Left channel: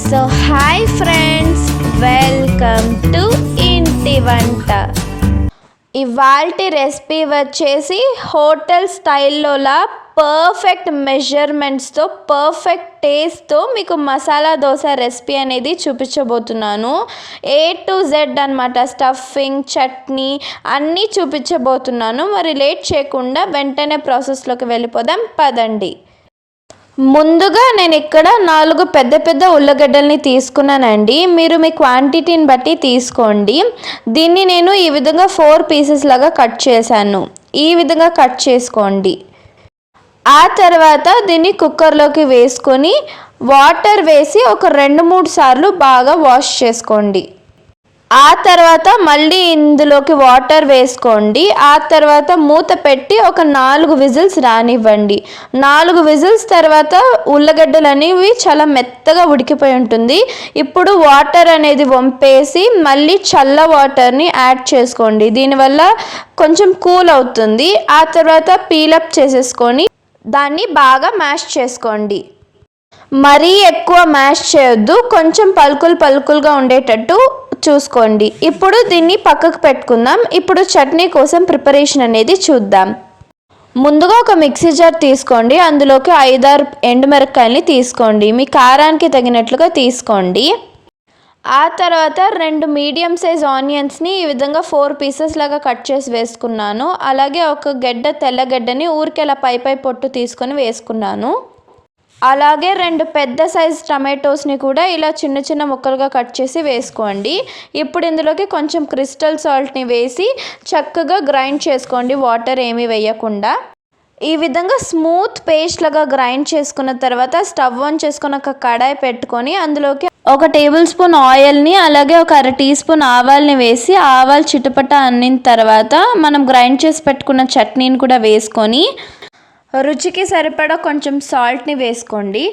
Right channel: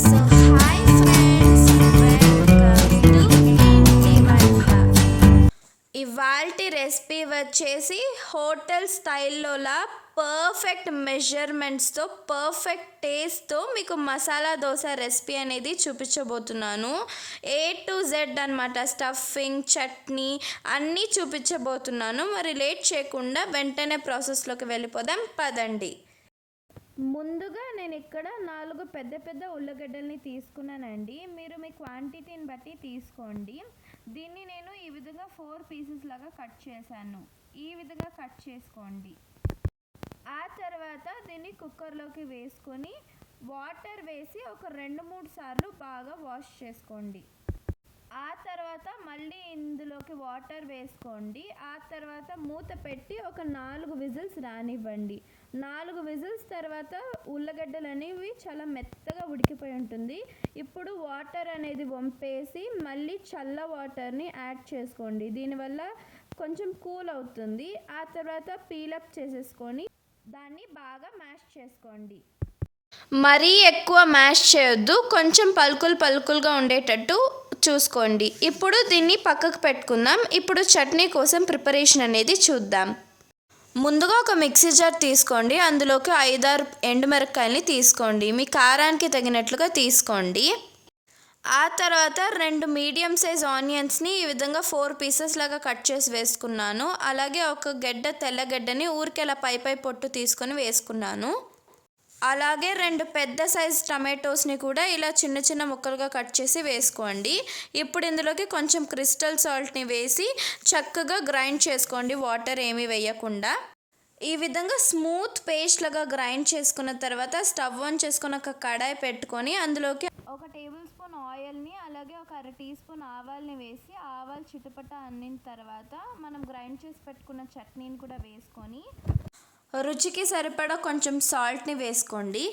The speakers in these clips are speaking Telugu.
So hi friends welcome to ఇంటి వంట ఇవాల్టి రెసిపీ వచ్చేసి హోటల్ స్టైల్లోలా పర్ఫెక్ట్ మెజర్మెంట్స్తో పర్ఫెక్ట్ టేస్ట్తో మీకు మసాలా దోశ రెసిపీ అనేది చూపించబోతున్నాను. ఏ టు జెడ్ అనమాట స్టఫింగ్ చట్నీ అన్నీ చూపించబోతున్నాను. మరి లేట్ చేయకుండా వెంటనే ప్రాసెస్లోకి వెళ్ళిపోదాం పదండి. ముందుగా నేను ఇక్కడ నాలుగు పెద్ద పెద్ద ఉల్లగడ్డల్ని తీసుకున్నానండి. మీరు మీ క్వాంటిటీని బట్టి తీసుకోండి. దీన్ని నేను ఈ విధంగా ఫోర్ పీసెస్ లాగా కట్ చేశాను. ఈ విధంగా కట్ చేసుకోండి. ఆ తర్వాత దీన్ని కుక్కర్లోకి వేసుకొని వాటర్ వేసి ఒక రెండు మూడు సార్లు బాగా వాష్ చేసుకోండి. ఆ తర్వాత మళ్ళీ ఇందులోకి వాటర్ వేసుకోండి. ఆ తర్వాత మూత పెట్టి ఒక నాలుగు విజిల్స్ రానివ్వండి. నాలుగు విజిల్స్ తర్వాత ఉల్లగడ్డలు అనేవి చాలా మెత్తగా ఉడికిపోయి ఉంటుంది. ఇప్పుడు వాటర్ అనేది వంపేసి మళ్ళీ చల్ల వాటర్ని యాడ్ చేసుకోండి. దీనివల్ల కొంచెం కూల్ అవుతుంది. ఆ తర్వాత పీలప్ చేసేసుకొని దాన్ని బాగా మ్యాష్ చేసుకోండి. మరీ ఎక్కువ మ్యాష్ చేయొద్దు. కొంచెం పలుకులు పలుకులుగా ఉండేటట్టు చూసుకోండి. ఇప్పుడు దీన్ని పక్కకు పెట్టుకుందాం. ఇప్పుడు చట్నీ కోసం ప్రిపరేషన్ అనేది చూద్దాం. ముందుగా ఒక మిక్సీ జార్ తీసుకోండి. అందులోకి ఐదారు ఎండుమిరపకాయలని తీసుకోండి. మీ కారానికి తగినట్లుగా తీసుకోండి. ఆ తర్వాత రెండు మీడియం సైజ్ ఆనియన్స్ని ఈ విధంగా ఫోర్ పీసెస్ లాగా కట్ చేసి వేసుకున్నాను. అలాగే ఒక గడ్డ తెల్లగడ్డని ఊరికెలా అలా పై పై పొట్టు తీసుకొని వేసుకున్నాను. అలాగే రెండు పెద్ద సైజ్ టమాటోస్ని కూడా ఇలా చిన్న చిన్న ముక్కలుగా కట్ చేసి వేసుకోండి. ఇప్పుడు ఇందులోకి కొంచెం క్రిస్టల్ సాల్ట్ని వేసి చక్కగా గ్రైండ్ చేసుకోండి వాటర్ ఏమీ వేయకుండా. ఈ విధంగా స్మూత్ పేస్ట్ లాగా గ్రైండ్ చేసుకున్న తర్వాత స్టవ్ ఆన్ చేసుకుని ఒక కడాయి పెట్టుకొని అందులోకి ఒక టేబుల్ స్పూన్ ఆయిల్ని అలాగే ఒక అర టీ స్పూన్ ఆవాల్ని వేసి ఆవాలు చిటపట అన్నిన తర్వాత మనం గ్రైండ్ చేసి పెట్టుకున్న చట్నీని కూడా వేసుకొని రుచికి సరిపడా కొంచెం సాల్ట్ని వేసుకోండి.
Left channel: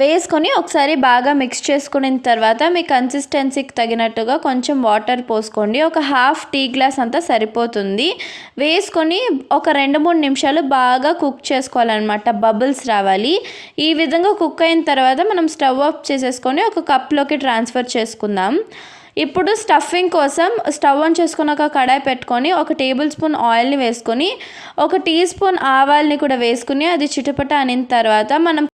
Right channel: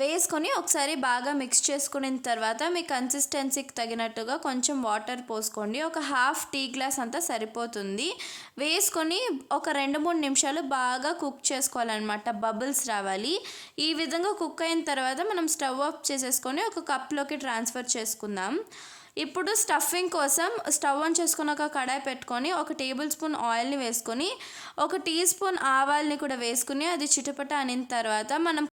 వేసుకొని ఒకసారి బాగా మిక్స్ చేసుకున్న తర్వాత మీ కన్సిస్టెన్సీకి తగినట్టుగా కొంచెం వాటర్ పోసుకోండి. ఒక హాఫ్ టీ గ్లాస్ అంతా సరిపోతుంది. వేసుకొని ఒక రెండు మూడు నిమిషాలు బాగా కుక్ చేసుకోవాలన్నమాట. బబుల్స్ రావాలి. ఈ విధంగా కుక్ అయిన తర్వాత మనం స్టవ్ ఆఫ్ చేసేసుకొని ఒక కప్లోకి ట్రాన్స్ఫర్ చేసుకుందాం. ఇప్పుడు స్టఫింగ్ కోసం స్టవ్ ఆన్ చేసుకుని ఒక కడాయి పెట్టుకొని ఒక టేబుల్ స్పూన్ ఆయిల్ని వేసుకొని ఒక టీ స్పూన్ ఆవాల్ని కూడా వేసుకుని అది చిటపట అనిన తర్వాత మనం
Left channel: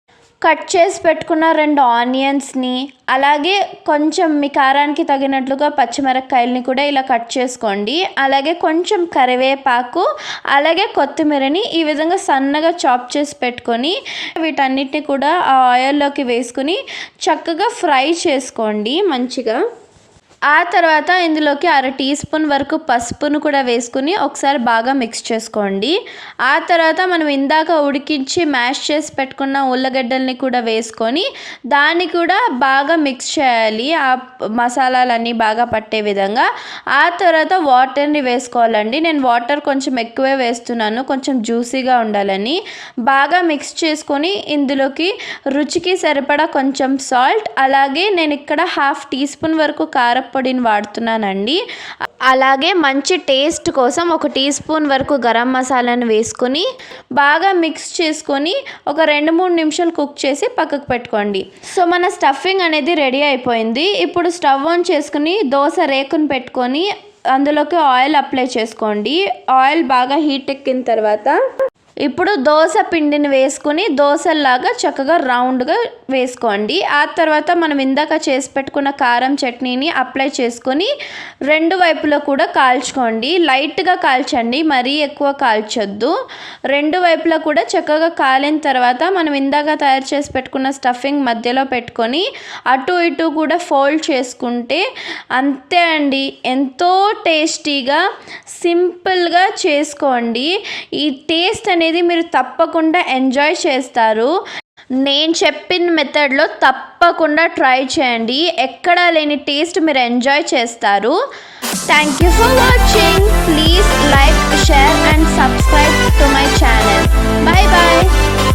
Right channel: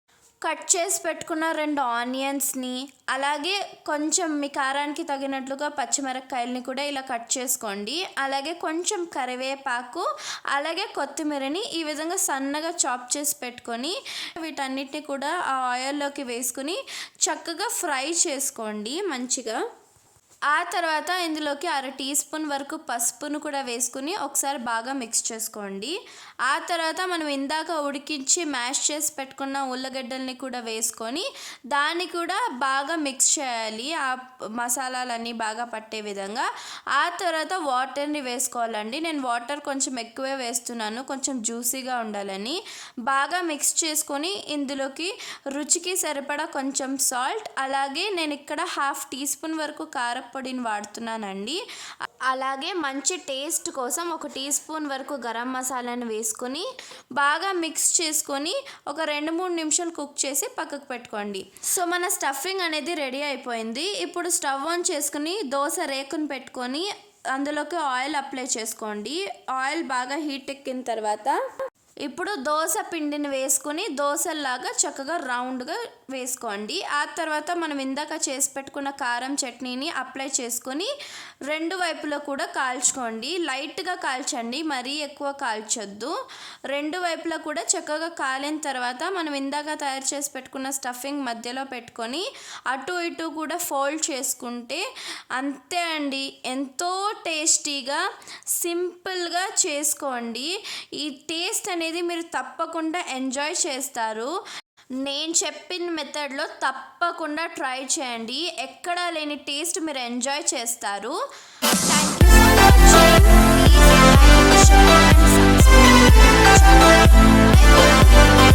కట్ చేసి పెట్టుకున్న రెండు ఆనియన్స్ని అలాగే కొంచెం మీ కారానికి తగినట్లుగా పచ్చిమిరపకాయలని కూడా ఇలా కట్ చేసుకోండి. అలాగే కొంచెం కరివేపాకు అలాగే కొత్తిమీరని ఈ విధంగా సన్నగా చాప్ చేసి పెట్టుకొని వీటన్నిటిని కూడా ఆ ఆయిల్లోకి వేసుకుని చక్కగా ఫ్రై చేసుకోండి మంచిగా. ఆ తర్వాత ఇందులోకి అర టీ స్పూన్ వరకు పసుపును కూడా వేసుకుని ఒకసారి బాగా మిక్స్ చేసుకోండి. ఆ తర్వాత మనం ఇందాక ఉడికించి మ్యాష్ చేసి పెట్టుకున్న ఉల్లగడ్డల్ని కూడా వేసుకొని దాన్ని కూడా బాగా మిక్స్ చేయాలి. ఆ మసాలాలన్నీ బాగా పట్టే విధంగా. ఆ తర్వాత వాటర్ని వేసుకోవాలండి. నేను వాటర్ కొంచెం ఎక్కువే వేస్తున్నాను. కొంచెం జ్యూసీగా ఉండాలని. బాగా మిక్స్ చేసుకొని ఇందులోకి రుచికి సరిపడా కొంచెం సాల్ట్. అలాగే నేను ఇక్కడ హాఫ్ టీ స్పూన్ వరకు కారం పొడిని వాడుతున్నానండి. అలాగే మంచి టేస్ట్ కోసం ఒక టీ స్పూన్ వరకు గరం మసాలాను వేసుకొని బాగా మిక్స్ చేసుకొని ఒక రెండు మూడు నిమిషాలు కుక్ చేసి పక్కకు పెట్టుకోండి. సో మన స్టఫింగ్ అనేది రెడీ అయిపోయింది. ఇప్పుడు స్టవ్ ఆన్ చేసుకుని దోశ రేకును పెట్టుకొని అందులోకి ఆయిల్ అప్లై చేసుకోండి. ఆయిల్ బాగా హీట్ ఎక్కిన తర్వాత ఇప్పుడు దోశ పిండిని వేసుకుని దోశల్లాగా చక్కగా రౌండ్గా వేసుకోండి. ఆ తర్వాత మనం ఇందాక చేసి పెట్టుకున్న కారం చట్నీని అప్లై చేసుకొని రెండు వైపులో కూడా కాల్చుకోండి. లైట్గా కాల్చండి మరీ ఎక్కువ కాల్చొద్దు. రెండు వైపులా కూడా చక్కగా కాలిన తర్వాత మనం ఇందాక తయారు చేసి పెట్టుకున్న స్టఫింగ్ మధ్యలో పెట్టుకొని అటు ఇటు కూడా ఫోల్డ్ చేసుకుంటే అంతే అండి. ఎంతో టేస్టీగా సింపుల్గా చేసుకోండి. ఈ టేస్ట్ అనేది అనేది మీరు తప్పకుండా ఎంజాయ్ చేస్తారు. నేను చెప్పిన మెథడ్లో తప్పకుండా ట్రై చేయండి. ఎక్కడా లేని టేస్ట్ మీరు ఎంజాయ్ చేస్తారు. Thank you for watching please like share and subscribe to my channel bye bye